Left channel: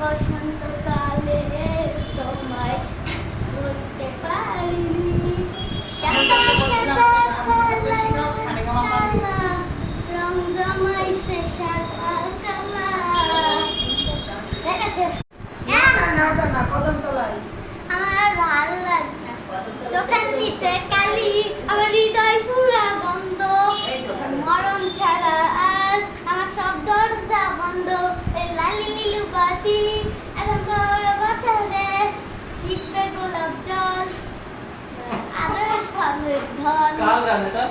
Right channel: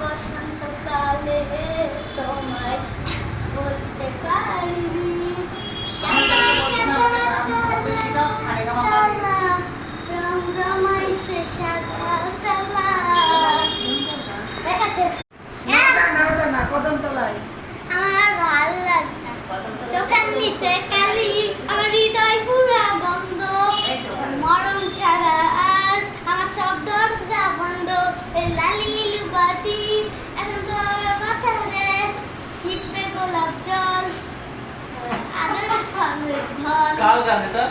বসন্তকালে তোমায় বলতে পারিনি রং জমাইছে সাদা কালা। ঠিক আছে কদমতলায় আমার ভাল লাগে না, চোখের নিচে কালি, আমার হৃদয় পুরা গন্ধ, মরণ ছাড়া আর আমার সব দরজা বন্ধ। এই লালি লিলু বাতি এখন তোর বাতারে লিখবে গোলাপ জল আদর খাবে ধন। কার গান এটা?